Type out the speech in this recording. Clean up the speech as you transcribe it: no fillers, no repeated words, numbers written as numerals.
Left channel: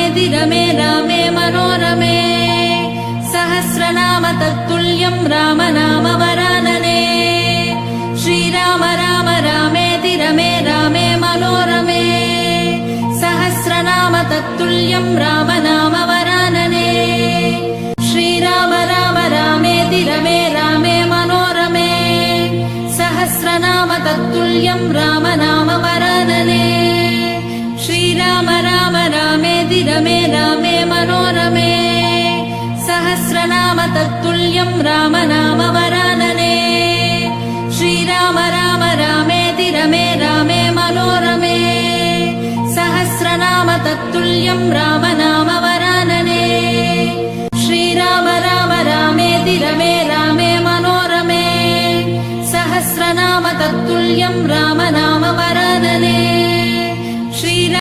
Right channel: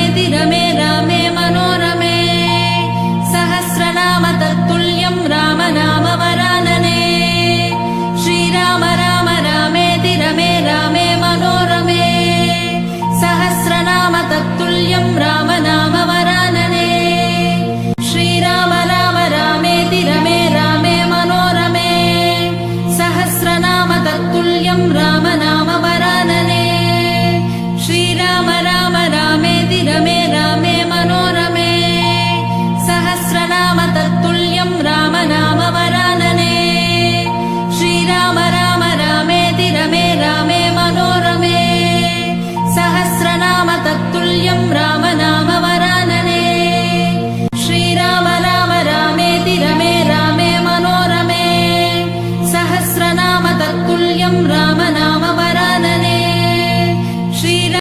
रामेति रमे रामे मनोरमे सहस्रनाम तत्तुल्यं राम नाम वरानने श्रीराम राम रामेति रमे रामे मनोरमे सहस्रनाम तत्तुल्यं राम नाम वरानने श्रीराम राम रामेति रमे रामे मनोरमे सहस्रनाम तत्तुल्यं राम नाम वरानने श्रीराम राम रामेति रमे रामे मनोरमे सहस्रनाम तत्तुल्यं राम नाम वरानने श्रीराम राम रामेति रमे रामे मनोरमे सहस्रनाम तत्तुल्यं राम नाम वरानने श्रीराम राम रामेति रमे रामे मनोरमे सहस्रनाम तत्तुल्यं राम नाम वरानने